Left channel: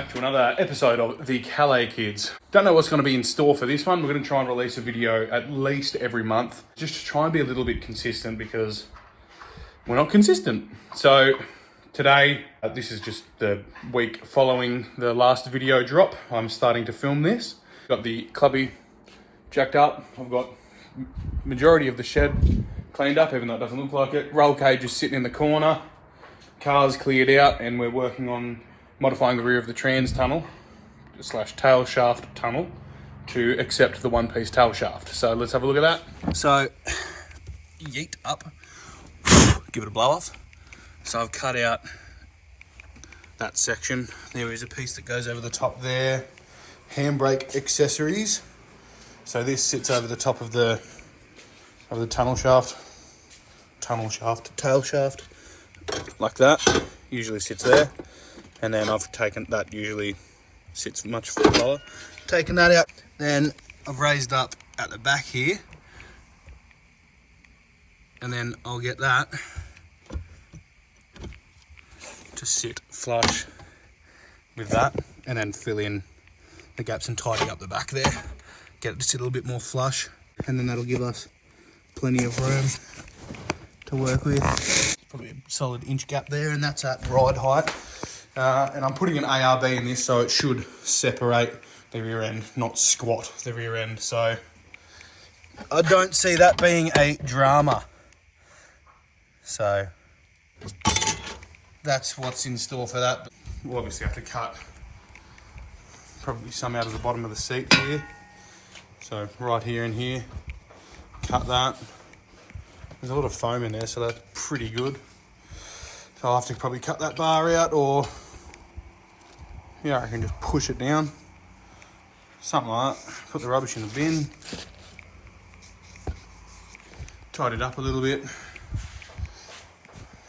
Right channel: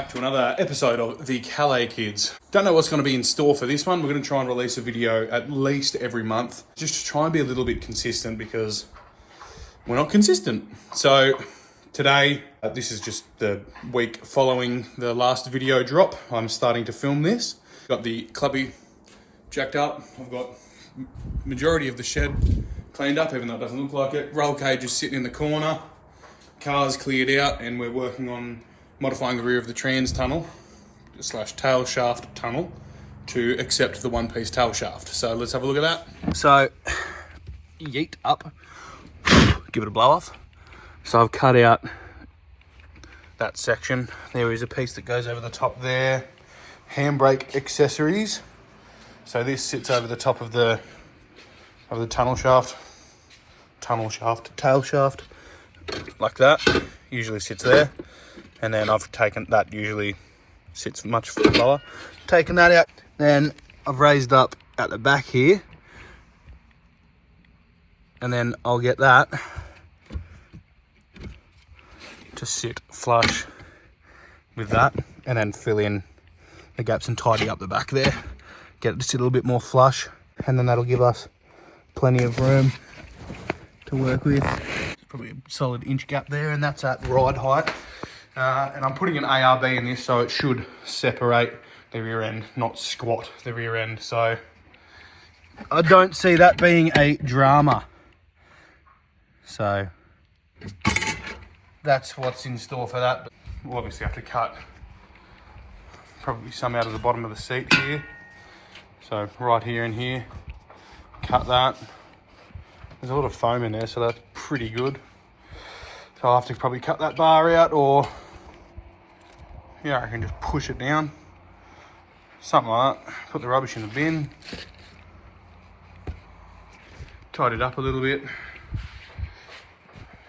back to another episode of the Calais Kids. Don't know what's going to be in store for this one. We're going to try and release a video at least every month, just to try and be a little bit consistent because we're not consistent. So today, this is just the week following the last video drop. I'm starting to film this. Got the clubby jacked up. I've got majority of the shed cleaned up, even though it doesn't look like it. Roll cage is sitting in the corner. Car's cleared out, and we're working on modifying the rear of the trans tunnel / tail shaft tunnel to accept the one-piece tail shaft. So let's have a look at that. So yeet up, give it a blow off. So I've cut out that section. There is a piece that goes over the top there. Handbrake accessories. So this sits over the top of the tail shaft, like that. Usually sits there. And then I've taken that, usually sits much lower. Taken that out. Then I've raised up at the back here. And then I'll get that to sit flush with that. And then fill in the gaps and tidy up the back there. Get it to sit a little bit more flush. And then that'll give us plenty of room to work with. Probably a solid inch gap there, and that's at ride height. And I'm putting an ARB in this, so it should separate the rear end, not squat the rear end. So I don't see that being a drama. So that's what's in store for that. But we'll obviously have to cut probably some out of the bottom of the seat here. So right here and here, cut that. There's a lot of foam in there, so that's pretty good. So I'll have to probably cut that bar out, or yeah, I can just push it down. Something like that. Put the rubbish in the bin. Tied it up a little bit.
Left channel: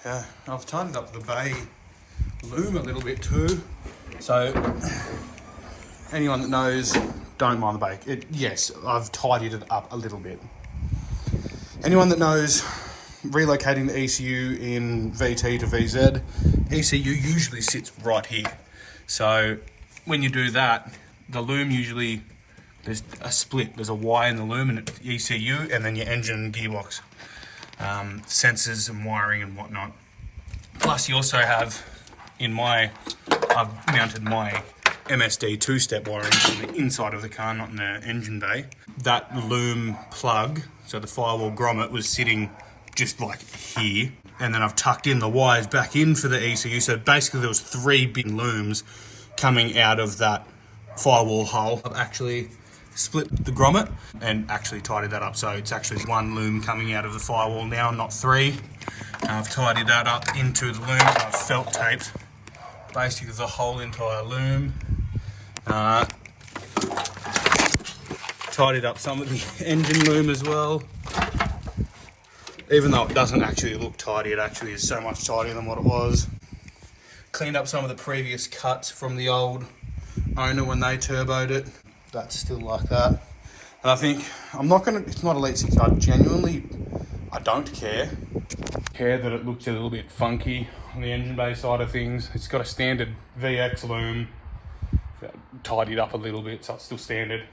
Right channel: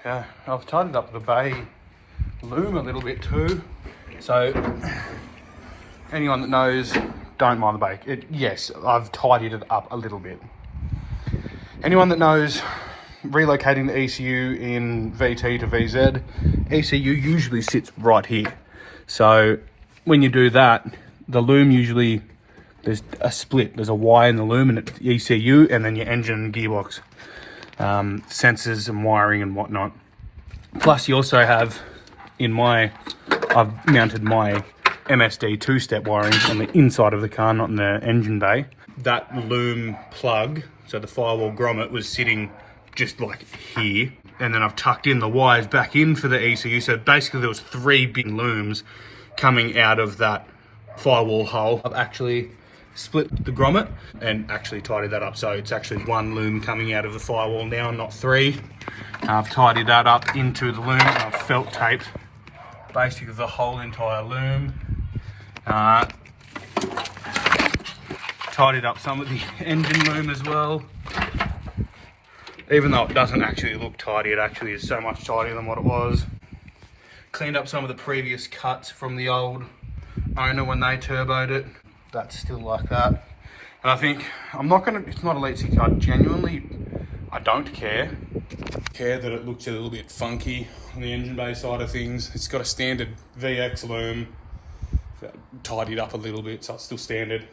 Yeah, I've tied it up the bay loom a little bit too. So anyone that knows, don't mind the bay. Yes, I've tidied it up a little bit. Anyone that knows relocating the ECU in VT to VZ, ECU usually sits right here. So when you do that, the loom usually, there's a split. There's a Y in the loom and it's ECU, and then your engine and gearbox, sensors and wiring and whatnot. Plus you also have, I've mounted my MSD two-step wiring on the inside of the car, not in the engine bay. That loom plug, so the firewall grommet, was sitting just like here. And then I've tucked in the wires back in for the ECU. So basically there was 3 big looms coming out of that firewall hole. I've actually split the grommet and actually tidied that up. So it's actually 1 loom coming out of the firewall now, not 3. I've tidied that up into the loom. I've felt taped basically the whole entire loom. Tidied up some of the engine loom as well. Even though it doesn't actually look tidy, it actually is so much tidier than what it was. Cleaned up some of the previous cuts from the old owner when they turboed it. That's still like that. And I think, it's not Elite 6, I don't care that it looks a little bit funky on the engine bay side of things. It's got a standard VX loom, tidied up a little bit, so it's still standard.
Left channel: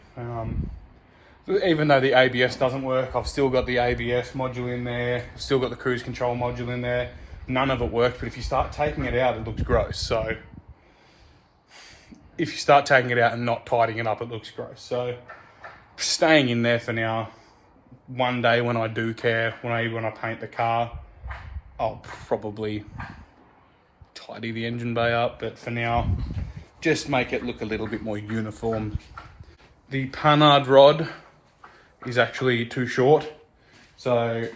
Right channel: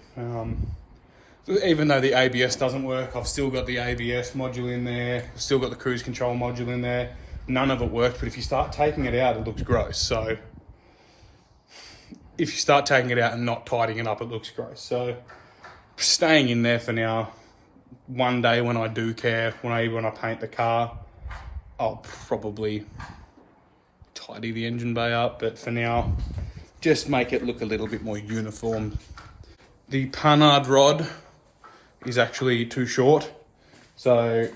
Even though the ABS doesn't work, I've still got the ABS module in there. I've still got the cruise control module in there. None of it worked, but if you start taking it out, it looks gross. So if you start taking it out and not tidying it up, it looks gross. So staying in there for now. One day when I do care, when I paint the car, I'll probably tidy the engine bay up. But for now, just make it look a little bit more uniform. The panhard rod is actually too short, so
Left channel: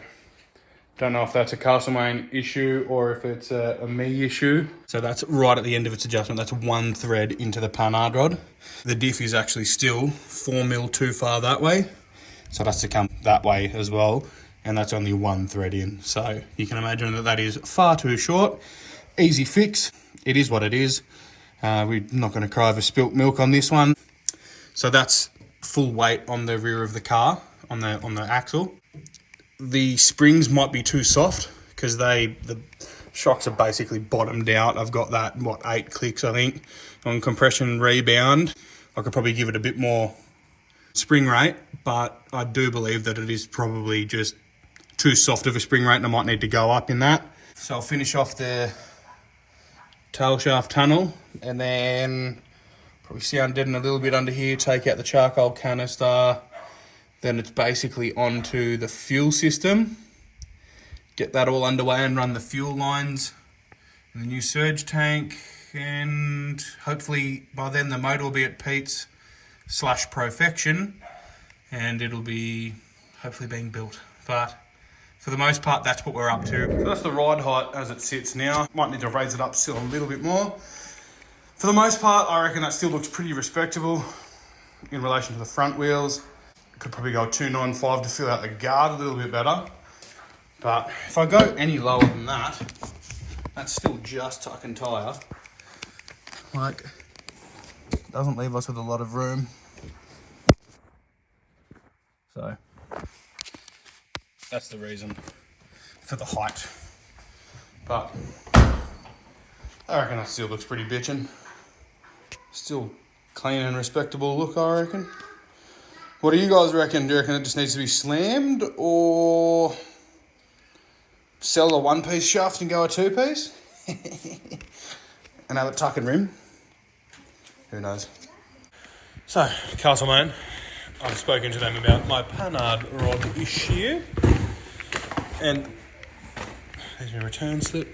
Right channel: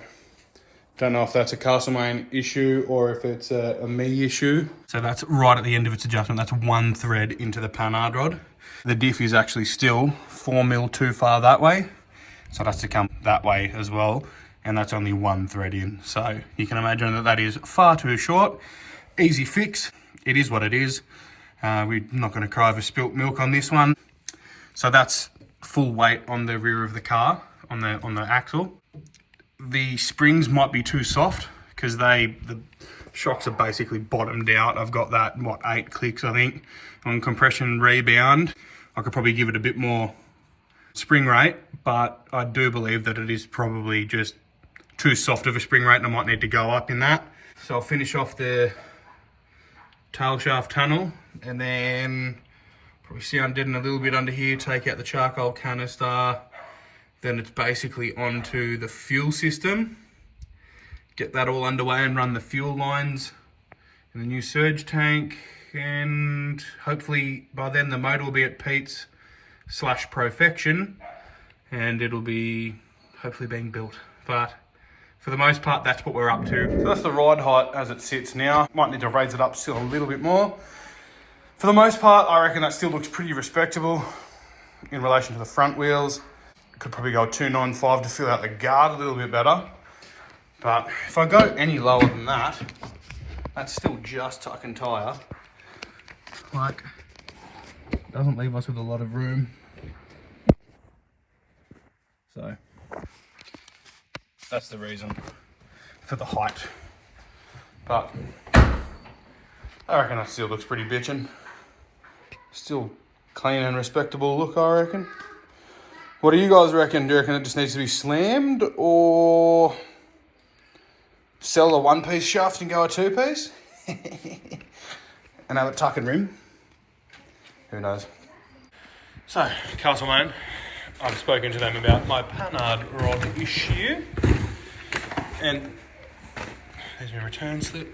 don't know if that's a Castlemaine issue or if it's a me issue. So that's right at the end of its adjustment. That's 1 thread into the panhard rod. The diff is actually still 4mm too far that way, so it has to come that way as well, and that's only 1 thread in. So you can imagine that is far too short. Easy fix. It is what it is. We're not going to cry over spilt milk on this one. So that's full weight on the rear of the car, on the axle. The springs might be too soft because the Shocks are basically bottomed out. I've got that, 8 clicks, I think, on compression rebound. I could probably give it a bit more spring rate, but I do believe that it is probably just too soft of a spring rate and I might need to go up in that. So I'll finish off the tail shaft tunnel and then probably sound deaden a little bit under here, take out the charcoal canister. Then it's basically onto the fuel system. Get that all underway and run the fuel lines in the new surge tank, and hopefully by then the motor will be at Pete's / perfection and it'll be hopefully being built. But for the most part, that's what we're up to. So that's the ride height as it sits now. Might need to raise it up still a little bit more. For the most part, I reckon that still looks pretty respectable in relation to the front wheels. Could probably go 295 to fill out the guard a little bit better. But if I go any lower than that, that's still just tuck and tyre. Like, doesn't leave us with a lot of room. So, that's the reason for the height. But, I reckon that still looks pretty bitchin'. Still clean and respectable look, I reckon. What do you guys reckon? Do you reckon it just needs to be slammed, or sell a 1-piece shaft and go a 2-piece? And have it tuck and rim? Who knows? So, Castlemaine, I've spoken to them about my panhard rod issue. And there's my return slip.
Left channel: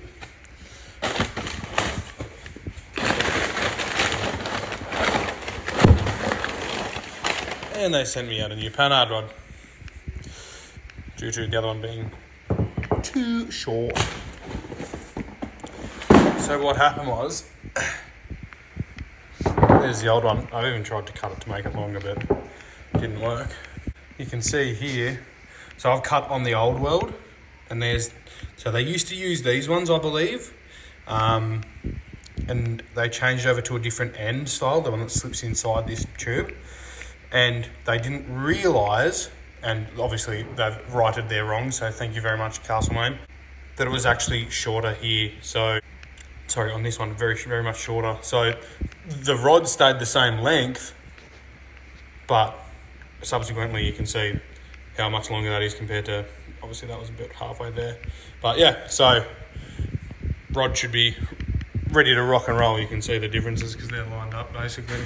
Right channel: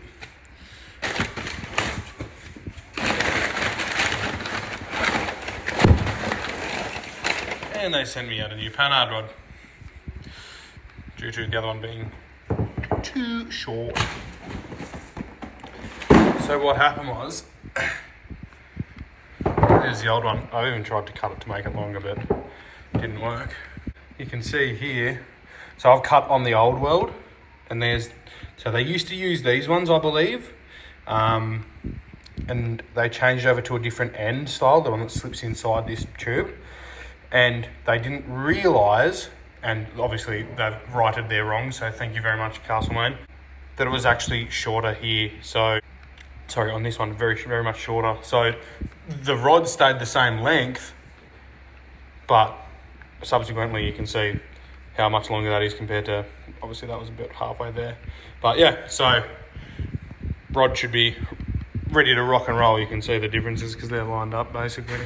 And they sent me out a new panhard rod, due to the other one being too short. So what happened was, there's the old one. I've even tried to cut it to make it longer, but it didn't work. You can see here, so I've cut on the old weld, and so they used to use these ones, I believe, and they changed over to a different end style, the one that slips inside this tube. And they didn't realise, and obviously they've righted their wrong, so thank you very much, Castlemaine, that it was actually shorter here. So, sorry, on this one, very, very much shorter. So the rod stayed the same length, but subsequently you can see how much longer that is compared to, obviously that was about halfway there. But yeah, so rod should be ready to rock and roll. You can see the differences because they're lined up basically.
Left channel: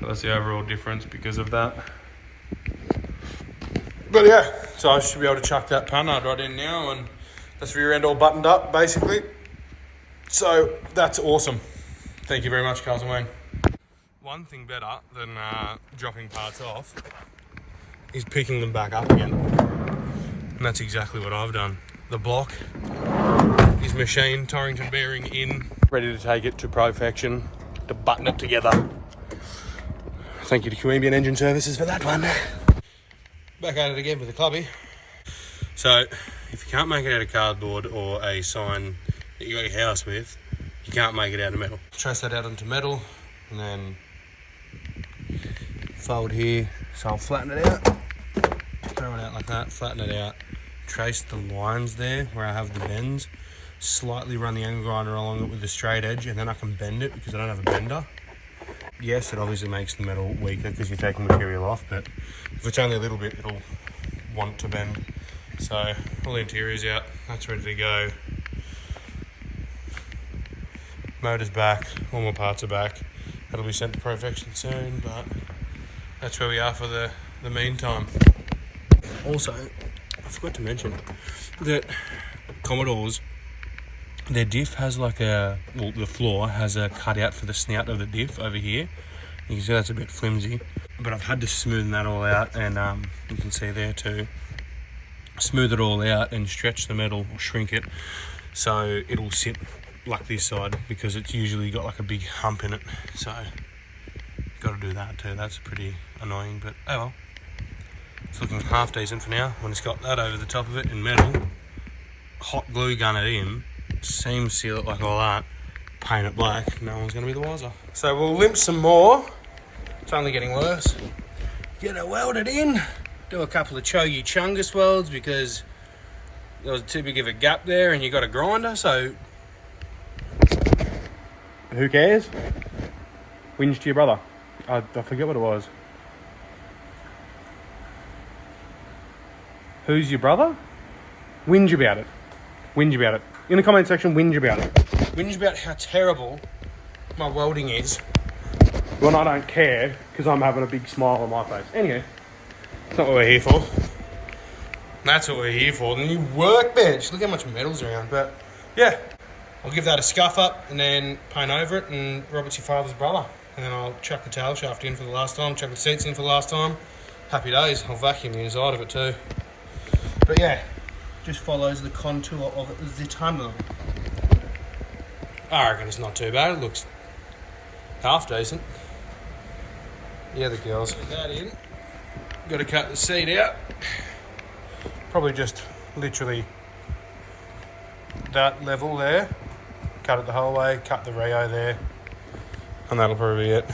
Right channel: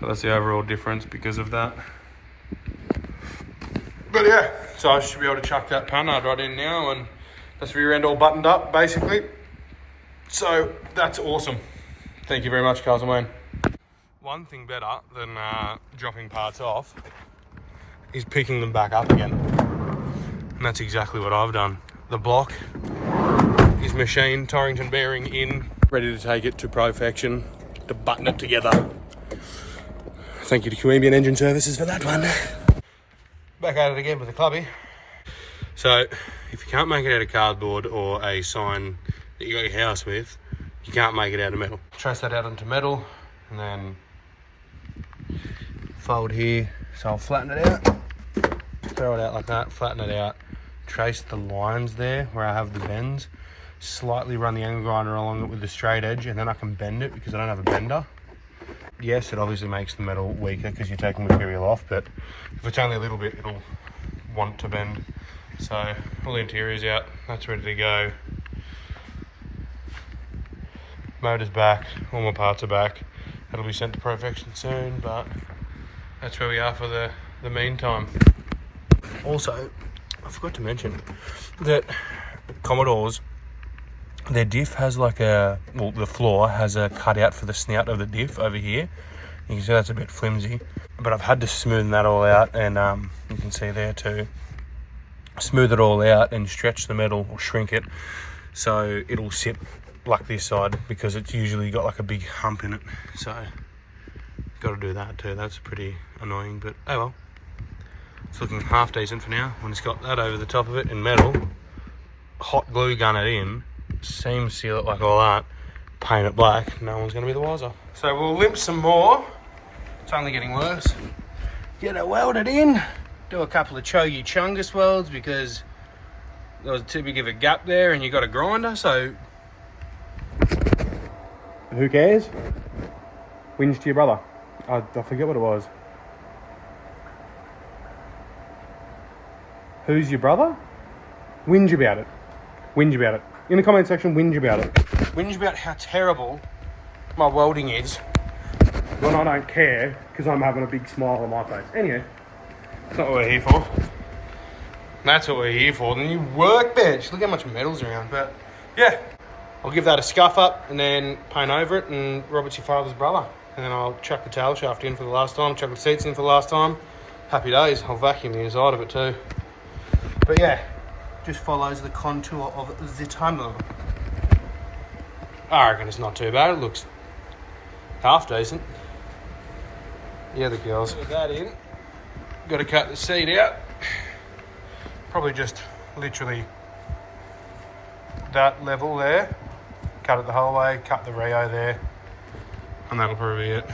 So that's the overall difference because of that. But yeah, so I should be able to chuck that panhard right in now, and that's rear end all buttoned up basically. So that's awesome. Thank you very much, Castlemaine. One thing better than dropping parts off is picking them back up again. And that's exactly what I've done. The block is machined, Torrington bearing in, ready to take it to perfection, to button it together. Thank you to Caribbean Engine Services for that one. Back at it again with the clubby. So, if you can't make it out of cardboard or a sign that you got your house with, you can't make it out of metal. Trace that out onto metal and then fold here. So I'll flatten it out, throw it out like that, flatten it out, trace the lines there where I have the bends, slightly run the angle grinder along it with the straight edge, and then I can bend it because I don't have a bender. Yes, it obviously makes the metal weaker because you're taking material off, but if it's only a little bit, it'll want to bend. So all the interior's out, that's ready to go. Motor's back, all my parts are back. That'll be sent to perfection soon, but that's where we are for the meantime. Also, I forgot to mention that Commodores, their diff has like the floor has a cutout for the snout of the diff over here. You can see that's a bit flimsy, but I've had to smoothen that all out, and you can see there too. Smooth it all out and stretch the metal or shrink it so it'll sit like this side, because it's usually got like a big hump in it. So got to do that too. That's pretty annoying, but oh well. It's looking half decent for now. When it's got that over the top of it in metal, hot glue gun it in, seam seal it like all that, paint it black, no one's going to be the wiser. So we'll limp some more. It's only getting worse. Get it welded in. Do a couple of Chogi Chungus welds because there was too big of a gap there and you got a grinder, so who cares? Whinge to your brother. I forget what it was. Who's your brother? Whinge about it. Whinge about it. In the comment section, whinge about it. Whinge about how terrible my welding is. Well, I don't care, because I'm having a big smile on my face. Anyway, that's not what we're here for. That's what we're here for. The new workbench. Look how much metal's around. But, yeah. I'll give that a scuff up and then paint over it, and Robert's your father's brother. And then I'll chuck the tail shaft in for the last time, chuck the seats in for the last time. Happy days. I'll vacuum the inside of it too. But yeah, just follows the contour of the tunnel. I reckon it's not too bad. It looks half decent. Yeah, the girls. Put that in. Got to cut the seat out. Probably just literally that level there. Cut it the whole way, cut the Rio there, and that'll probably be it.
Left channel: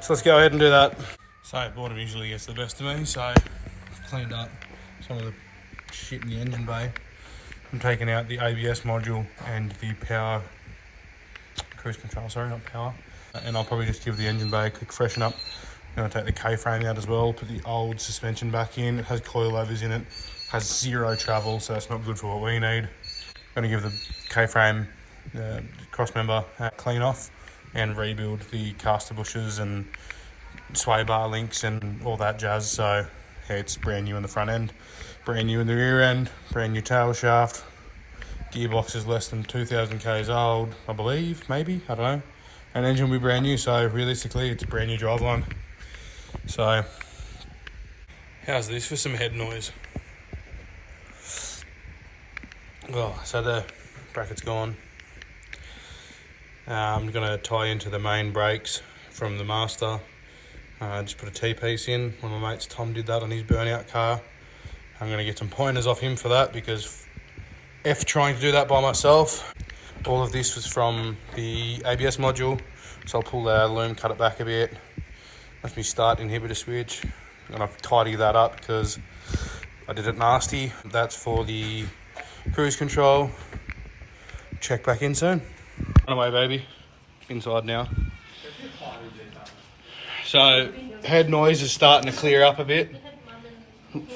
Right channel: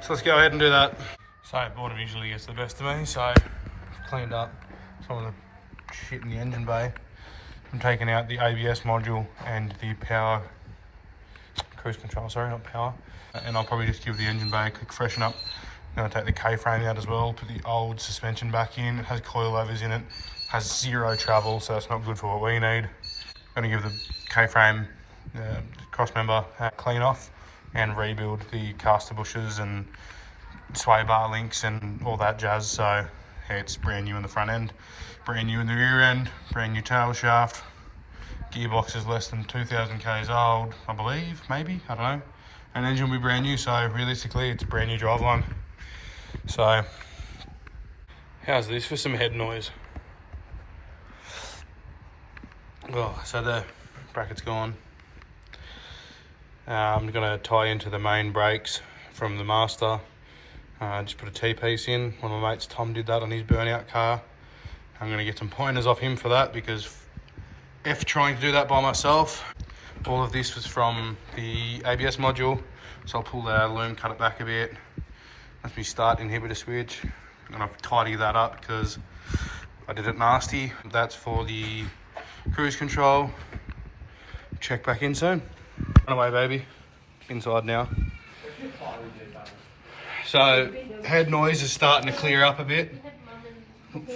So let's go ahead and do that. So water visually gets the best of me, so cleaned up some of the shit in the engine bay. I'm taking out the ABS module and the power cruise control, sorry, not power. And I'll probably just give the engine bay a quick freshen up. I'm gonna take the K-frame out as well, put the old suspension back in. It has coilovers in it, has zero travel, so that's not good for what we need. Gonna give the K-frame cross member a clean off and rebuild the caster bushes and sway bar links and all that jazz. So yeah, it's brand new in the front end, brand new in the rear end, brand new tail shaft. Gearbox is less than 2,000 k's old, I believe, maybe, I don't know. And engine will be brand new, so realistically it's a brand new driveline. So how's this for some head noise? Oh, so the bracket's gone. I'm going to tie into the main brakes from the master. Just put a T-piece in. One of my mates, Tom, did that on his burnout car. I'm going to get some pointers off him for that, because F trying to do that by myself. All of this was from the ABS module, so I'll pull that out of the loom, cut it back a bit. Let me start inhibitor switch, and I'll tidy that up because I did it nasty. That's for the cruise control. Check back in soon. Run away, baby. Inside now. So head noise is starting to clear up a bit.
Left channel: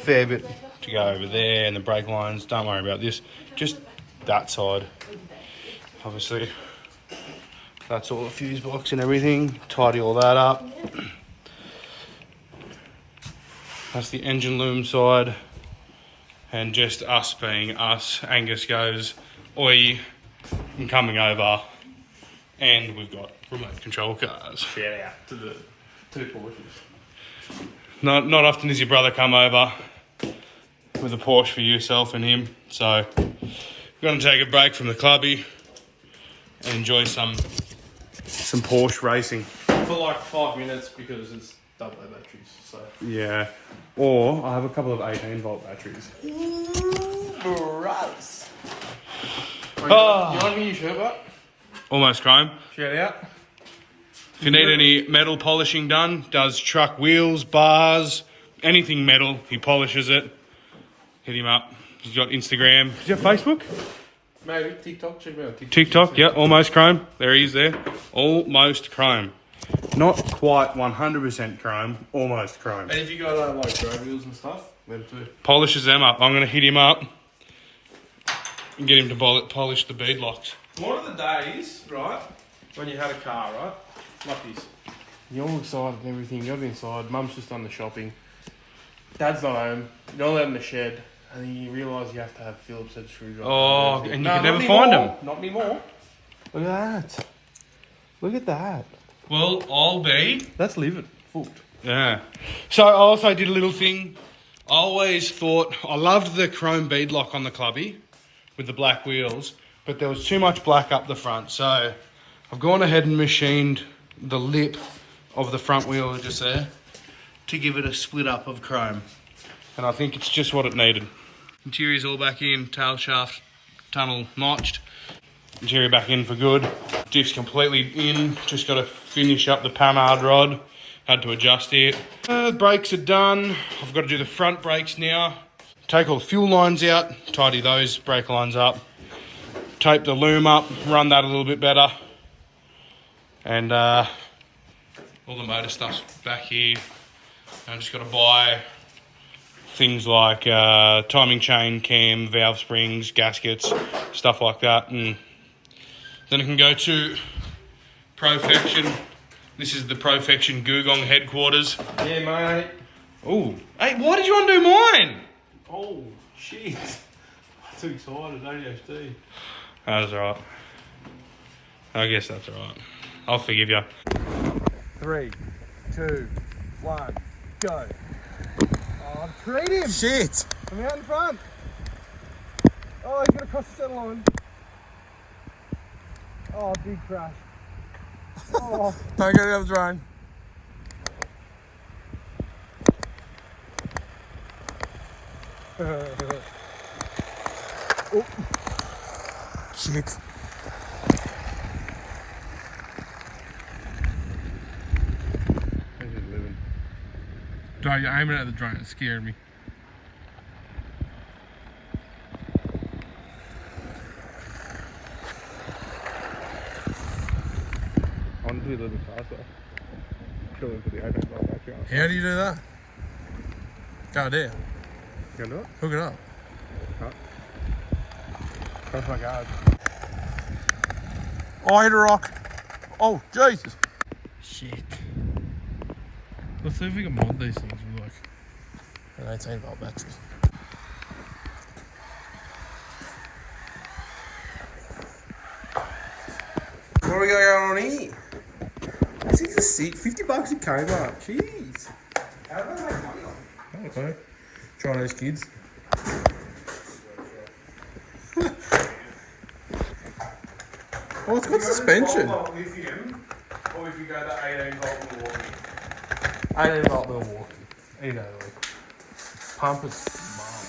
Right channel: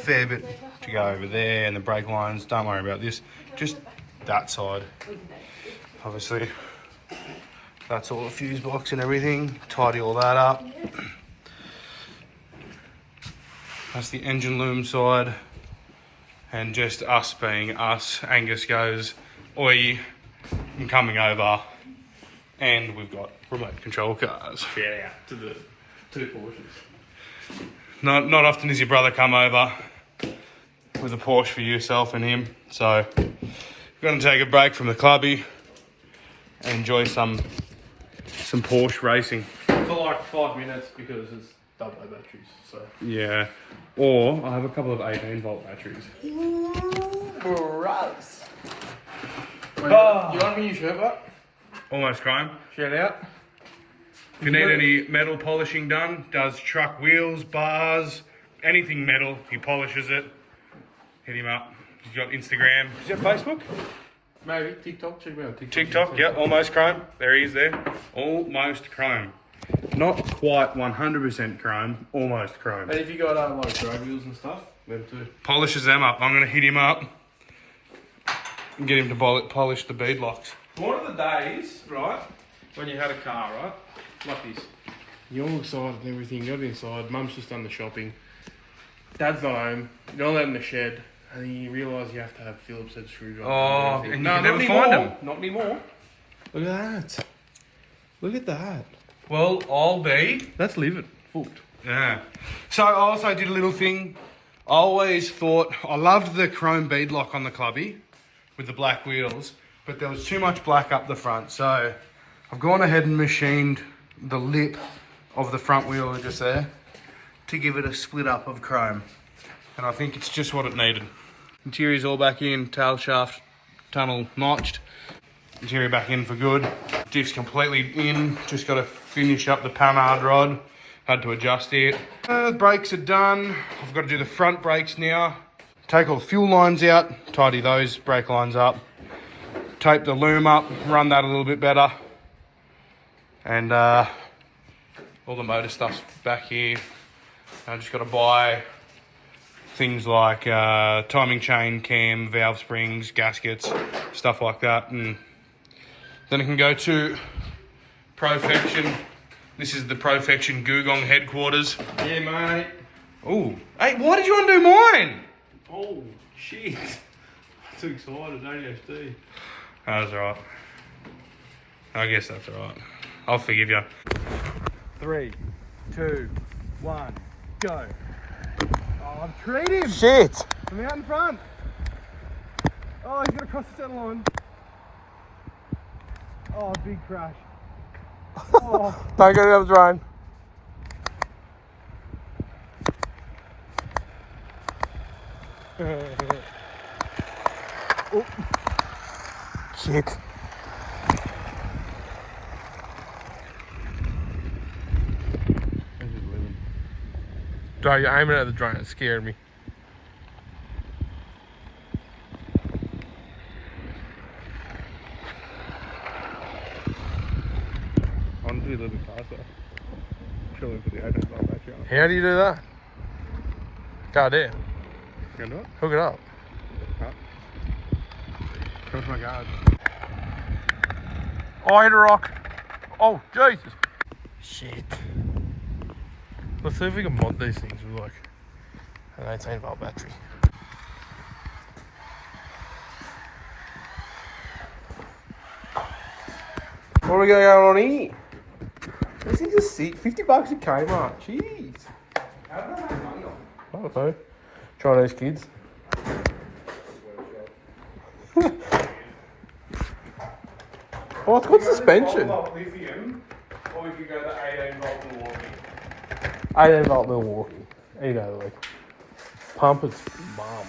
Fair bit to go over there, and the brake lines. Don't worry about this. Just that side. Obviously, that's all the fuse box and everything. Tidy all that up. That's the engine loom side. And just us being us, Angus goes, oi, I'm coming over. And we've got remote control cars. Shout out to the two Porsches. Not often does your brother come over with a Porsche for yourself and him. So we're going to take a break from the clubby and enjoy some Porsche racing. For like 5 minutes because it's double A batteries. So Yeah. Or I have a couple of 18-volt batteries. gross. You like me, shirt, but Almost chrome. shout out. If you need any metal polishing done, does truck wheels, bars, anything metal, he polishes it. Hit him up. He's got Instagram. He's got Facebook? Maybe TikTok. Check me out. TikTok, yeah, almost chrome. There he is there. Almost chrome. Not quite 100% chrome, almost chrome. And if you got like drag wheels and stuff, them too. Polishes them up. I'm going to hit him up and get him to polish the bead locks. One of the days, right, when you had a car, right, like this, you're all excited and everything, you're inside, mum's just done the shopping, dad's not home, you're all out in the shed, and you realise you have to have Phillips head screwdriver. Oh, and you can never not find anymore. them. Not anymore. Look at that. Look at that. Well, I'll be... That's living. Fucked. Yeah. So I also did a little thing. I always thought... I loved the chrome bead lock on the clubby with the black wheels, but there was too much black up the front. So I've gone ahead and machined the lip of the front wheel just there to give it a split up of chrome. And I think it's just what it needed. Interior's all back in, tail shaft, tunnel notched. Interior back in for good. Diff's completely in, just got to finish up the panhard rod. Had to adjust it. The brakes are done. I've got to do the front brakes now. take all the fuel lines out, tidy those brake lines up, tape the loom up, run that a little bit better, and all the motor stuff's back here. I just got to buy things like timing chain, cam, valve springs, gaskets, stuff like that, and then I can go to Profection. This is the Profection Gugong headquarters. Yeah, mate. Oh, hey, why did you undo mine? Oh, shit. I'm too excited, ADHD. That's alright. I guess that's alright. I'll forgive you. 3, 2, 1, go. Oh, I've treed him. Shit! From out in front. Oh, he's going to cross the centre line. Oh, big crash. Oh. Don't go down the drain. Oh. Shit. No, you're aiming at the drone. It scared me. I want to do a little bit faster. Surely for the open bar back here. How do you do that? Go there. Go do it. Hook it up. That's my guard. Oh, I hit a rock. Oh, Jesus. Shit. Let's see if we can mod these things with like An 18-volt battery. what are we going on here? This is a sick $50 at Kmart. Jeez. How do they make money on I don't know. Chinese kids. Oh, it's got suspension. lithium, or if you go to 18-volt Milwaukee. 18-volt Milwaukee. You know, like, pump is mum.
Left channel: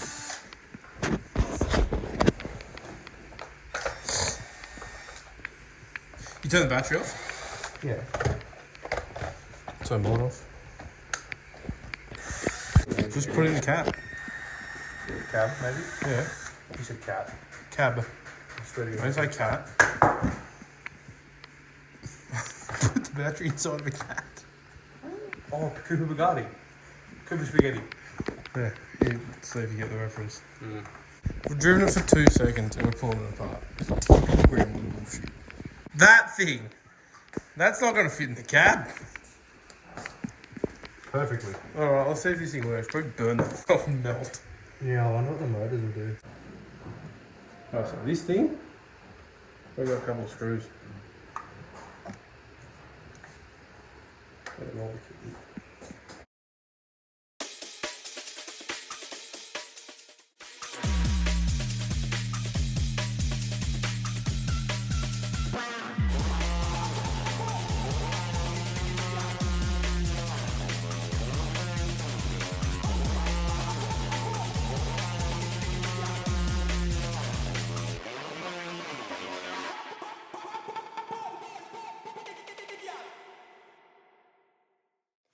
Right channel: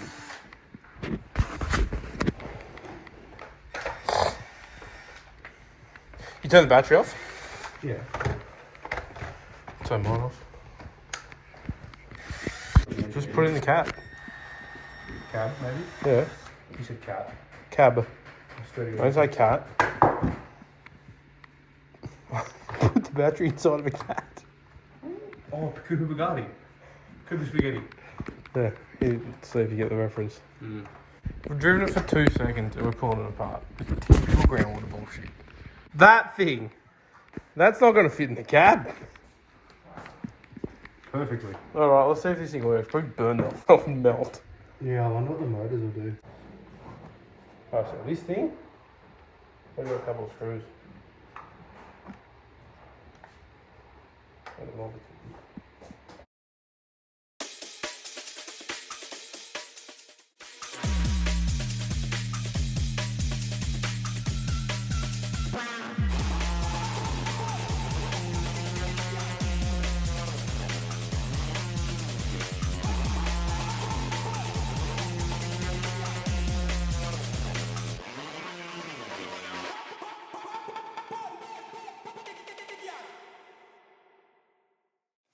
You turn the battery off? Yeah. Turn mine off. Just put it in the cab. Cab, maybe? Yeah. You said cat. Cab. Straight Don't say cat. Put the battery inside of a cat. Oh, Cooper Bugatti. Cooper Spaghetti. Yeah. See if you get the reference. We've driven it for 2 seconds and we're pulling it apart. It's typical groundwater bullshit. That thing. That's not going to fit in the cab. Perfectly. Alright, let's see if this thing works. Probably burn that off and melt. Yeah, I wonder what the motors will do. Oh, so this thing, we've got a couple of screws.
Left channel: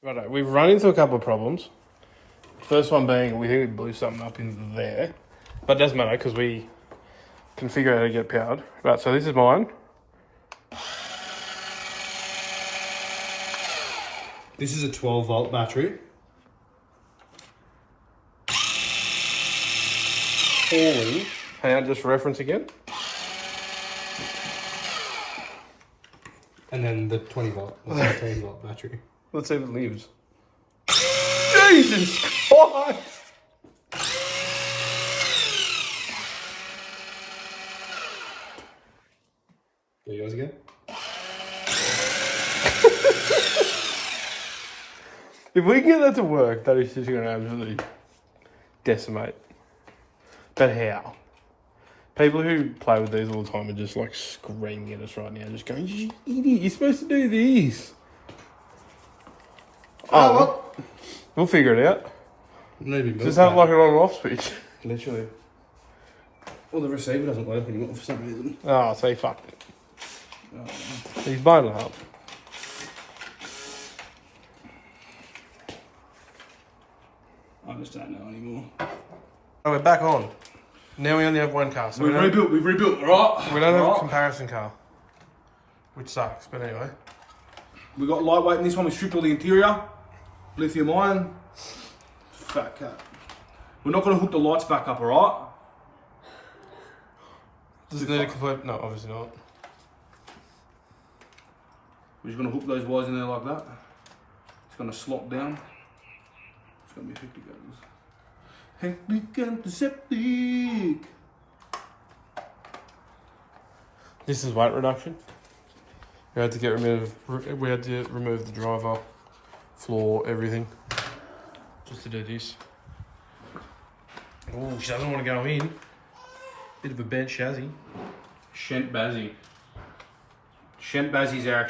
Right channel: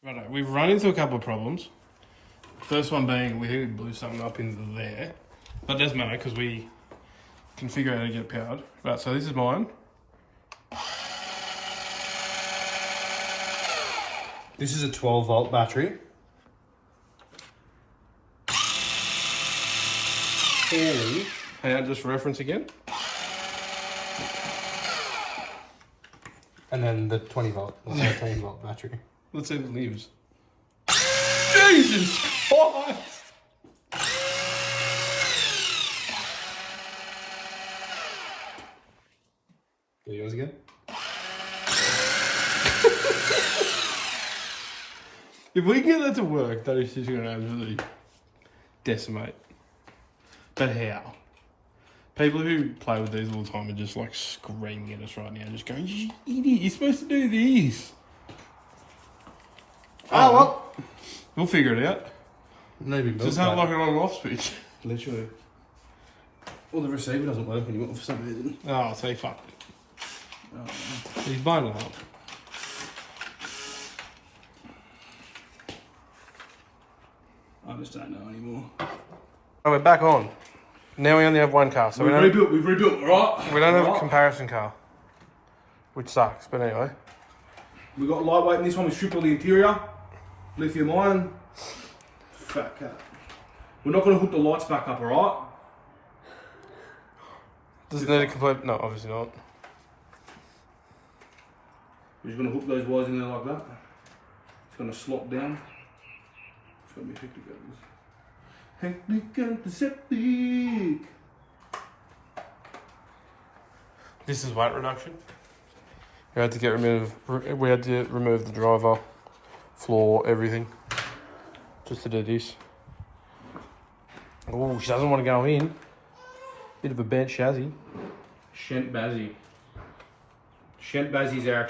Righto, we've run into a couple of problems. First one being we think we blew something up in there. But it doesn't matter because we can figure out how to get it powered. Right, so this is mine. This is a 12-volt battery. And, hang on, just reference again. And then the 20-volt, the 13-volt battery. Let's see if it lives. Jesus Christ! Go yours again. If we can get that to work, that is just going to absolutely decimate. But how? People who play with these all the time are just like screaming at us right now, just going, "You idiot, you're supposed to do this." Oh, well, we'll figure it out. Maybe Just have like an on and off switch. Literally. Well, the receiver doesn't work anymore for some reason. Oh, so he fucked it. Oh, he's blown it up. I just don't know anymore. Oh, we're back on. Now we only have one car, so We've rebuilt, right? we don't have a comparison car, which sucks. But anyway, We got lightweight in this one. We stripped all the interior, lithium ion. Fat cat. We're not going to hook the lights back up, alright? does it need a complete? No, obviously not. We're just going to hook those wires in there like that. It's going to slot down. It's going to be hectic, guys. Hectic antiseptic. This is weight reduction. We had to remove the driver, floor, everything, just to do this. Oh, she doesn't want to go in. Bit of a bent chassis. Shent Bazzy. Shent Bazzy's our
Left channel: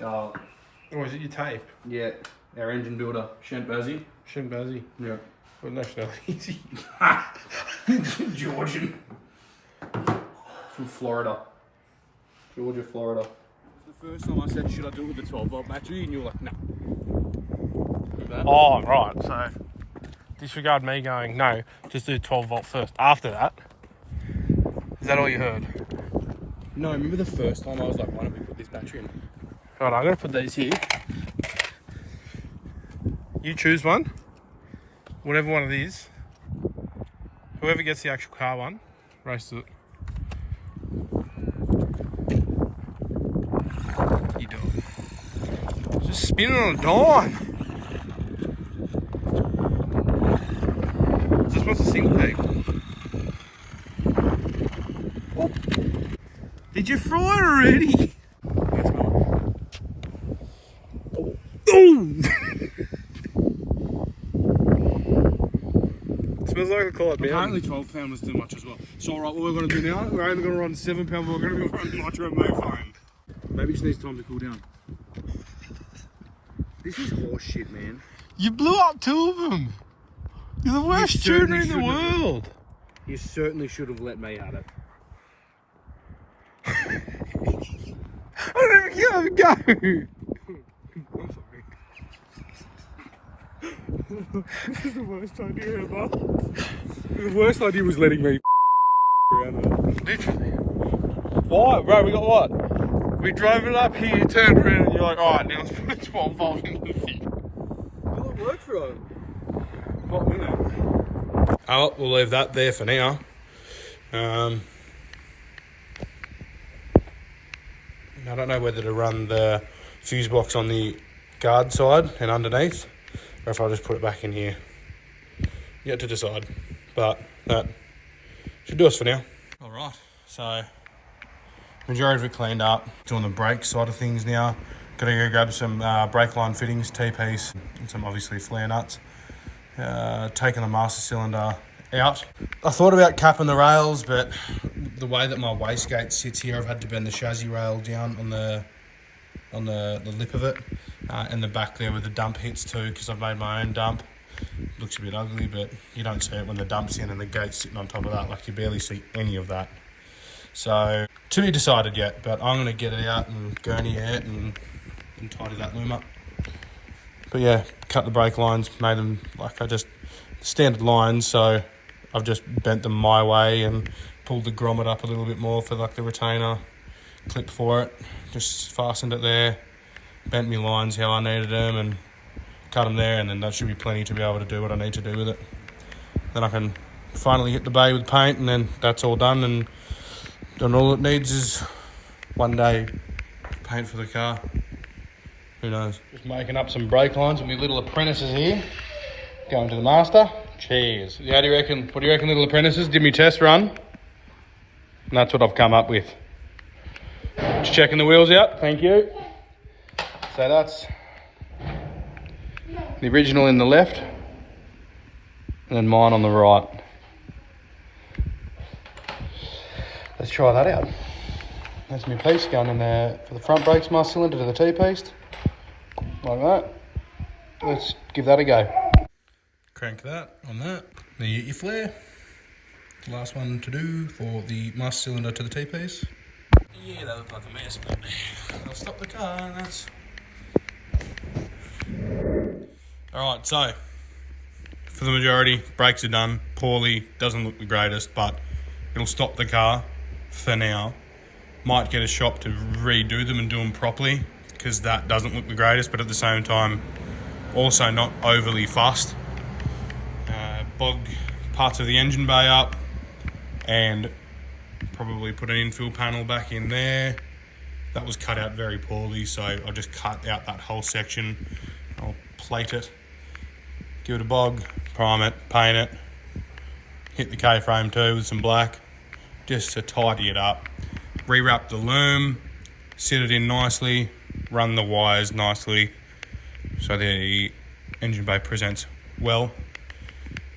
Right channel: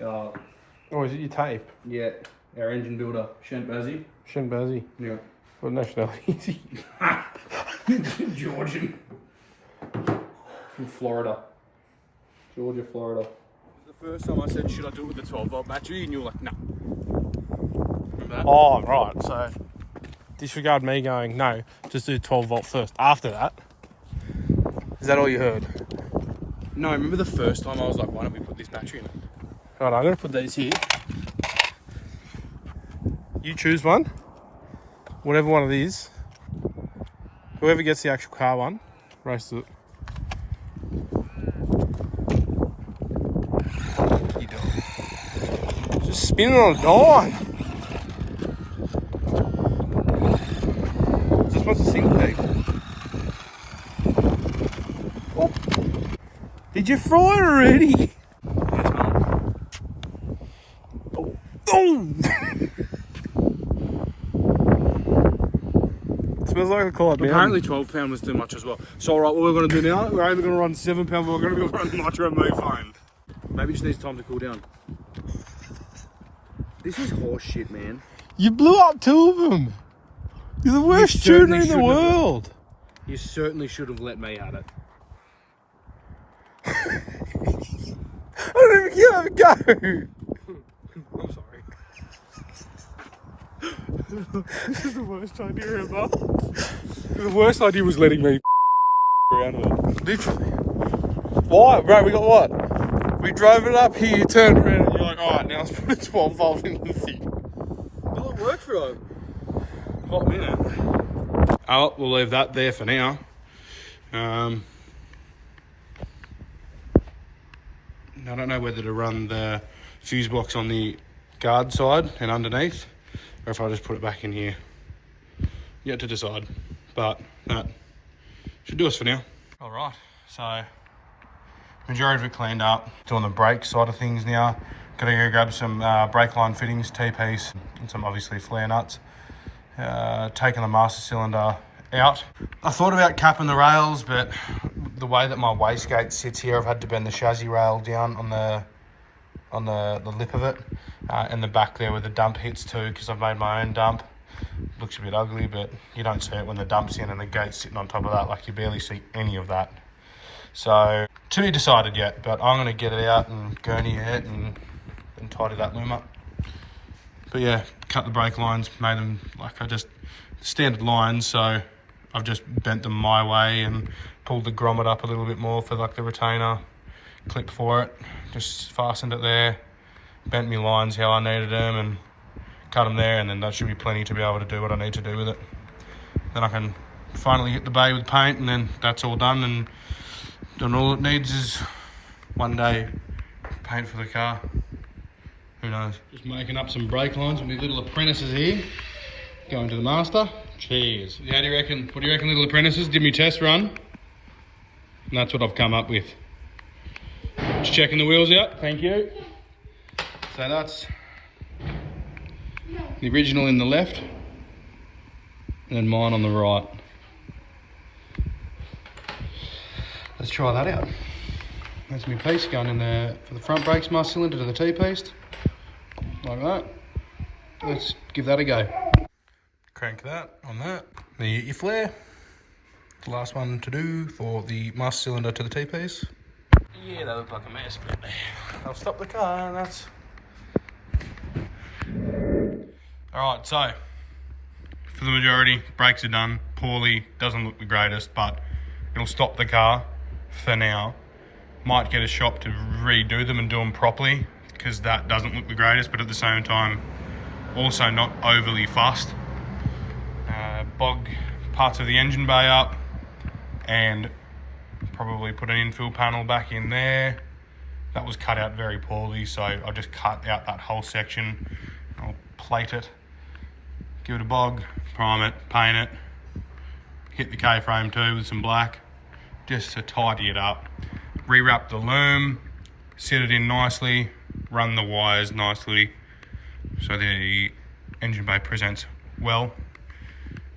Oh, is it your tape? yeah, our engine builder, Shent Bazzy. Shen Bazzy. Yeah. What nationality is he? Georgian. From Florida. Georgia, Florida. The first time I said, should I do it with the 12-volt battery? And you were like, no. Remember that? Oh, right. So, disregard me going, no, just do 12 volt first. After that, is that all you heard? No, I remember the first time I was like, why don't we put this battery in? Right, I'm going to put these here. You choose one. Whatever one it is. Whoever gets the actual car one, races it. You do it. Just spinning on a dime. Just wants a single leg. Oh. Did you fry it already? Yes, Mum. Oh. Oh. Smells like a cod. Apparently 12 pound was too much as well. So alright, what we're going to do now, we're only going to run 7 pound, but we're going to be running nitro phone. Maybe it just needs time to cool down. This is horse shit, man. You blew up 2 of them. You're the worst shooter in the shouldn't have. world. You certainly should have let me at it. I don't even get a go. I'm sorry. This is the worst idea ever. The worst idea was letting me out of it. Literally. Why? Bro, we got what? We drove it up here, turned around, and you're like, alright, now let's put the 12 volt in the thing. Well, it worked for a hot minute. Oh, we'll leave that there for now. I don't know whether to run the fuse box on the guard side and underneath, or if I just put it back in here. Yet to decide, but that should do us for now. All right, so majority of it cleaned up. Doing the brake side of things now. Gotta go grab some brake line fittings, T-piece, and some obviously flare nuts. Taking the master cylinder out. I thought about capping the rails, but the way that my wastegate sits here, I've had to bend the chassis rail down on the lip of it, and the back there where the dump hits too, because I've made my own dump. Looks a bit ugly, but you don't see it when the dump's in and the gate's sitting on top of that. Like, you barely see any of that. So, to be decided yet, but I'm going to get it out and gurney it and tidy that loom up. But yeah, cut the brake lines, made them like standard lines, so I've just bent them my way and pulled the grommet up a little bit more for like the retainer clip for it. Just fastened it there, bent my lines how I needed them and cut them there, and then that should be plenty to be able to do what I need to do with it. Then I can finally hit the bay with paint, and then that's all done, and then all it needs is one day paint for the car. Who knows? Just making up some brake lines with my little apprentices here. Going to the master. Cheers. How do you reckon? What do you reckon, little apprentices? Did me test run. And that's what I've come up with. Just checking the wheels out. Thank you. So that's the original in the left, and then mine on the right. Let's try that out. That's my piece going in there for the front brakes, master cylinder to the T-piece. Like that. Let's give that a go. Crank that on that. Then you get your flare. The last one to do for the master cylinder to the T-piece. Yeah, that looked like a mess, but I'll stop the car and that's... Alright, so for the majority. Brakes are done poorly, doesn't look the greatest, but it'll stop the car for now. Might get a shop to redo them and do them properly, because that doesn't look the greatest, but at the same time, also not overly fussed. Bog parts of the engine bay up, and probably put an infill panel back in there. That was cut out very poorly, so I'll just cut out that whole section. I'll plate it, give it a bog, prime it, paint it, hit the K-frame too with some black, just to tidy it up. Rewrap the loom, sit it in nicely, run the wires nicely so the engine bay presents well.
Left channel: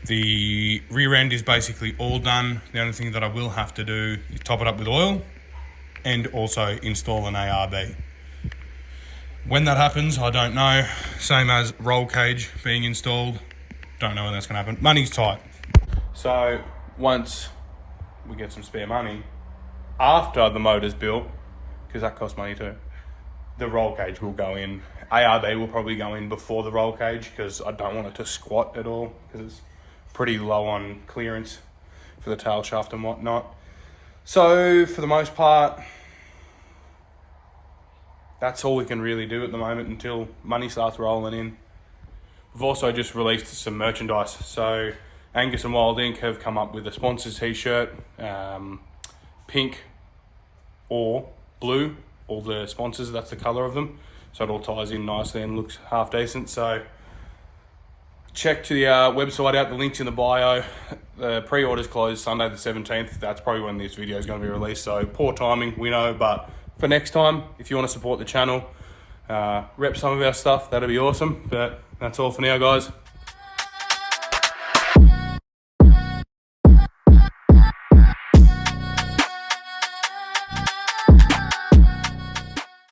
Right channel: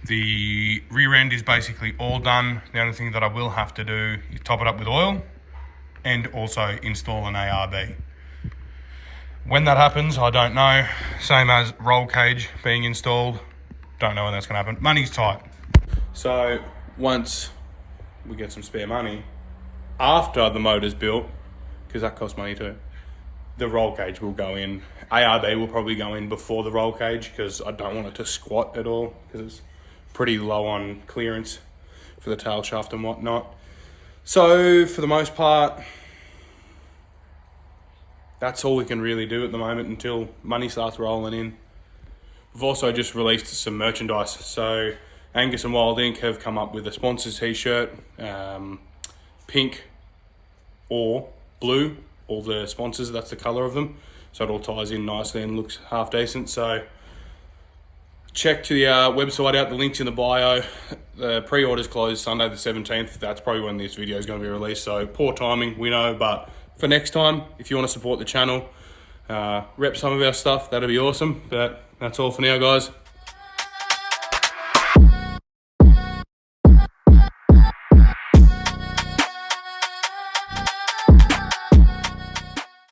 The rear end is basically all done. The only thing that I will have to do is top it up with oil and also install an ARB. When that happens, I don't know. Same as roll cage being installed. Don't know when that's gonna happen. Money's tight. So once we get some spare money, after the motor's built, because that costs money too, the roll cage will go in. ARB will probably go in before the roll cage, because I don't want it to squat at all, because it's pretty low on clearance for the tail shaft and whatnot. So for the most part, that's all we can really do at the moment until money starts rolling in. We've also just released some merchandise. So Angus and Wild Ink have come up with a sponsors t-shirt, pink or blue, all the sponsors, that's the colour of them. So it all ties in nicely and looks half decent. So check to the website out, the link's in the bio. The pre-order's closed Sunday the 17th. That's probably when this video is going to be released, so poor timing, we know, but for next time, if you want to support the channel, rep some of our stuff, that'd be awesome. But that's all for now, guys.